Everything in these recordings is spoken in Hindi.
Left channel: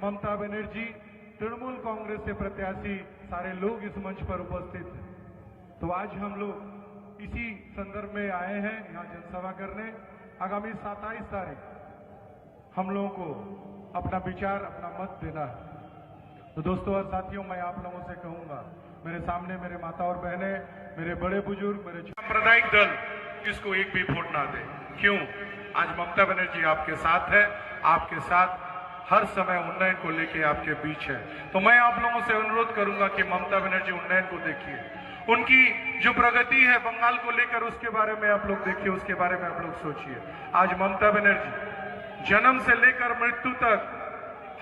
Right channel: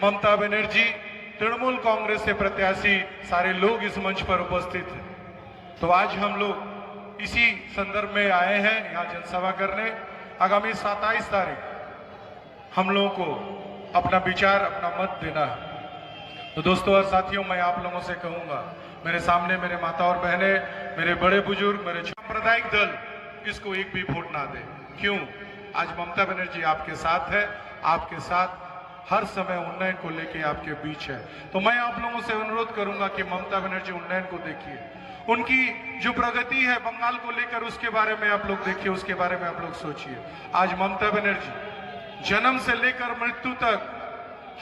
ममता बनर्जी, तृणमूल कांग्रेस से प्रत्याशी सारे लोग इस मंच पर उपस्थित हैं। तो आज हम लोग इसी संदर्भ में आए हैं यहाँ जनसभा करने। आगामी 27 तारीख हम लोगों को अपना विचार, अपना मत देना है। तो दोस्तों और साथियों, मैं आप लोगों से कहूंगा, मेरे सामने मेरे माता और बहने, मेरे बड़े बुजुर्ग, मेरे सांप्रदायिक दल इसको एक भी वोट ना दे। क्यों? आज ममता बनर्जी आपके साथ है, आपके साथ हर समय उन्नयन को लेके आपके बीच है। तो मैं आप लोगों से अनुरोध करूंगा कि ममता बनर्जी उन्नयन को देखिए, उनकी जो प्रगति है बंगाल को लेकर उसके बारे में आप लोग देखिए, उसके बारे में आप लोग सोचिए। आज ममता बनर्जी जन्म से लेकर मृत्यु तक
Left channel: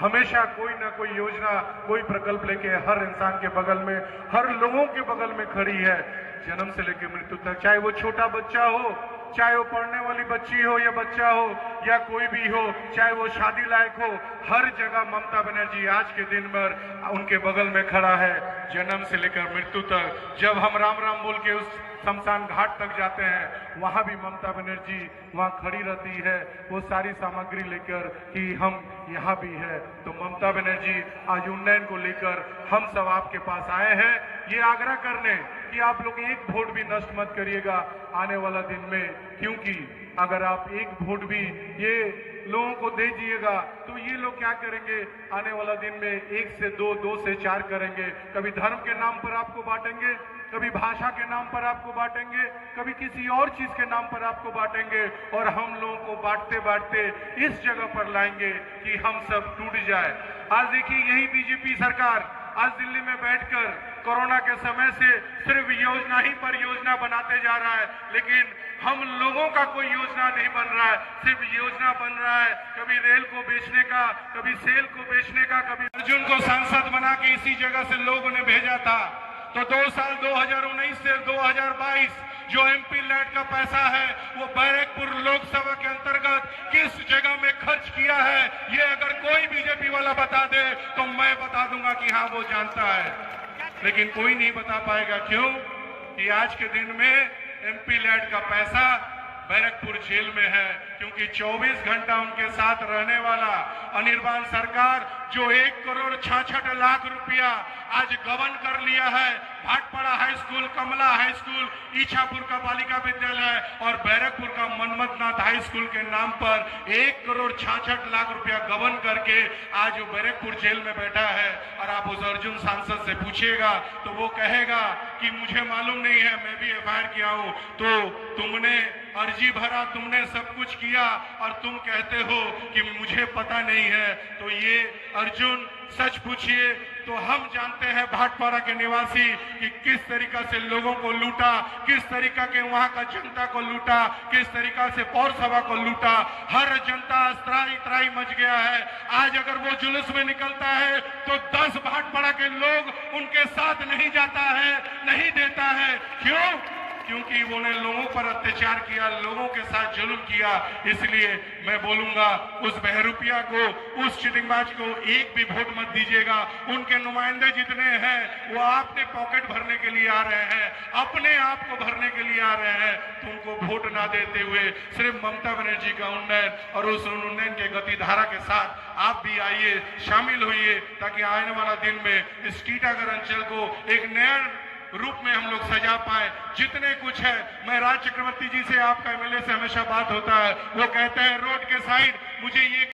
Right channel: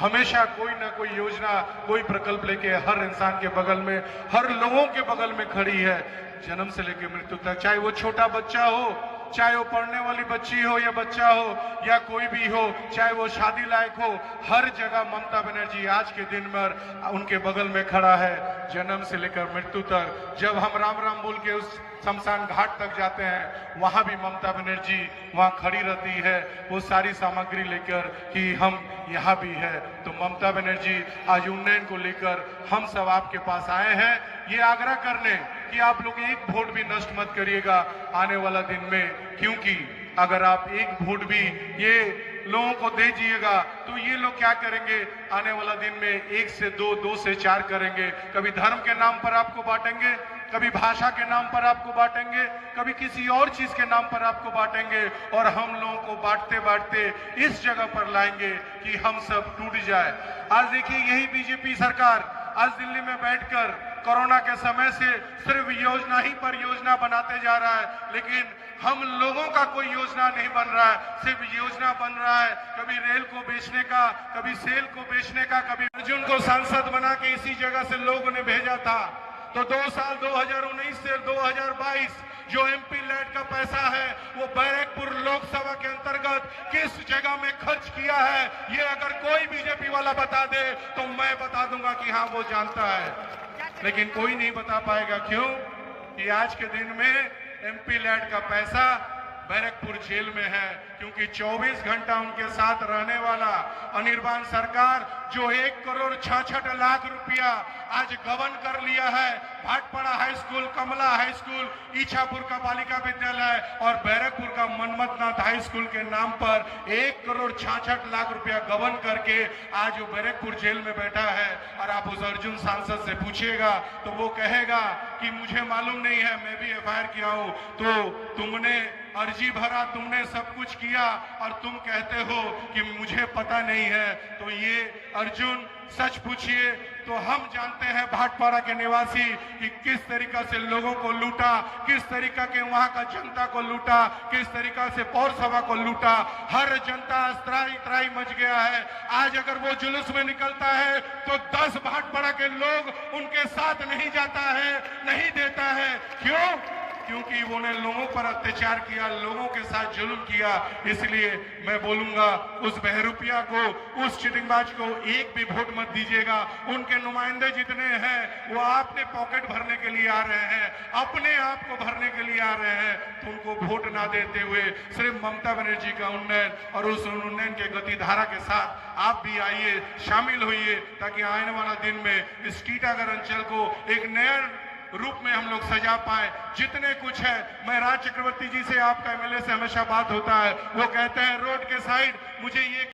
हमेशा कोई ना कोई योजना, कोई प्रकल्प लेके हर इंसान के बगल में, हर लोगों के बगल में खड़ी है, जन्म से लेकर मृत्यु तक। चाहे वो छोटा बच्चा हो, चाहे वो पढ़ने वाली बच्ची हो या बच्चा हो या कोई भी हो, चाहे वो शादी लायक हो, हर जगह ममता बनर्जी आज के दिन भर उनके बगल में खड़ा है, जन्म से लेकर मृत्यु तक। जब हम राम राम बोल के उस शमशान घाट तक जाते हैं, वहां भी ममता बनर्जी वहां खड़ी रहती है, वो सारी सामग्री लेकर कि हम यहाँ भी है। तो ममता बनर्जी आज उन्नयन को लेकर हम सब आपके पास आए हैं, ये आग्रह करने कि आप लोग एक वोट भी नष्ट मत करिएगा आने वाला दिन में, क्योंकि अगर आप एक वोट भी ये लोगों को दे दीजिएगा तो ये लोग क्या करेंगे, आने वाला दिन में 1 से 2, 2 से 4 करेंगे। कभी धर्म के नाम पर आपको बांटेंगे, कभी भाषा के नाम पर आपको बांटेंगे, कभी किसी और चीज के नाम पर आपको बांटेंगे, और हम लोगों को बांटते बांटते इस जगह पर लाएंगे कि हम सब टूट जाए। आज देखिए, यही बीजेपी सरकार आज दिल्ली में बैठकर कोरोना के समय से सिर्फ योजना ही पर योजना बनाते जा रहा है, लेकिन हम लोगों का कोई योजना नहीं बन रहा है, सिर्फ योजना बन रहा है कभी रेल को बेचने का, कभी सेल को बेचने का। कभी अर्जुन को सांसद बना के इसी जगह से लोगों ने भेजा था। तो 2 साल 2019 से 2022 जो एमपी लैड का पैसा है वो बैरकपुर लोकसभा के अंतर्गत किस जगह में खर्च किया है, ये अगर कोई बीजेपी वाला बता दे तो मैं बता दूंगा कि हाँ वो जानता है, लेकिन कोई नहीं बता पाएगा। क्यों? कि आज के दिन में एमपी लैड का पैसा बैरकपुर जेल में है, क्योंकि 24 घंटा उनके साथ रहने वाला अनिर्बान सरकार जो 1 करोड़ 66 लाख रुपया आज गबन कर लिया है, भाटपाड़ा हाई स्कूल, कमला हाई स्कूल, इच्छापुर का बालिका विद्यालय और बैरकपुर का मनमथनाथ हाई स्कूल के नाम पर 1 करोड़ 66 लाख रुपया गबन करके आज वो बैरकपुर जेल में बैठा है। और आप उस अर्जुन सांसद से पूछिएगा तो वो कहेगा कि मुझे मालूम नहीं है, मैं भी एफआईआर किया हूं। तो तुमने अर्जी भरा, तुमने सब कुछ किया और तुम कहते हो कि मुझे पता नहीं है। तो ये अर्जुन सच पूछिए तो हम जानते हैं भाटपाड़ा के निवासी कि किस तरीका से लोगों को लूटा, किस तरीका के वहां का जनता को लूटा, किस तरीका से पौरसभा को लूटा। हर जनता त्राही त्राही मच गया है। आज अगर वो जुलूस में निकलता है तो 10 भाटपाड़ा के लोग उनके साथ नहीं जाता है, नहीं देता है। क्यों? क्योंकि उन्होंने लोगों पर अत्याचार किया, लोगों के साथ जुल्म किया। इसलिए मैं बोलूंगा उस बहरूपिया को, उस चिटिंगबाज को एक भी वोट मत दीजिएगा। उनके नुमाइंदे जितने हैं वो आपने पॉकेट भरने के लिए आ रहे हैं, अपने आप को भरने के लिए आ रहे हैं। तो उनको वोट ना देते हुए सिर्फ ममता बनर्जी का उन्नयन और उस उन्नयन के गति धारा के साथ आप भी आइए, शामिल होइए, ताकि आने वाला दिन में इस टीटागढ़ अंचल को एक नया रूप में हम लोग सजा पाए। जितने कुछ है, मैं राज चक्रवर्ती जी से, आपका एमएलए से हमेशा बात होता है, वो कहते हैं रोड के साइड मुझे ये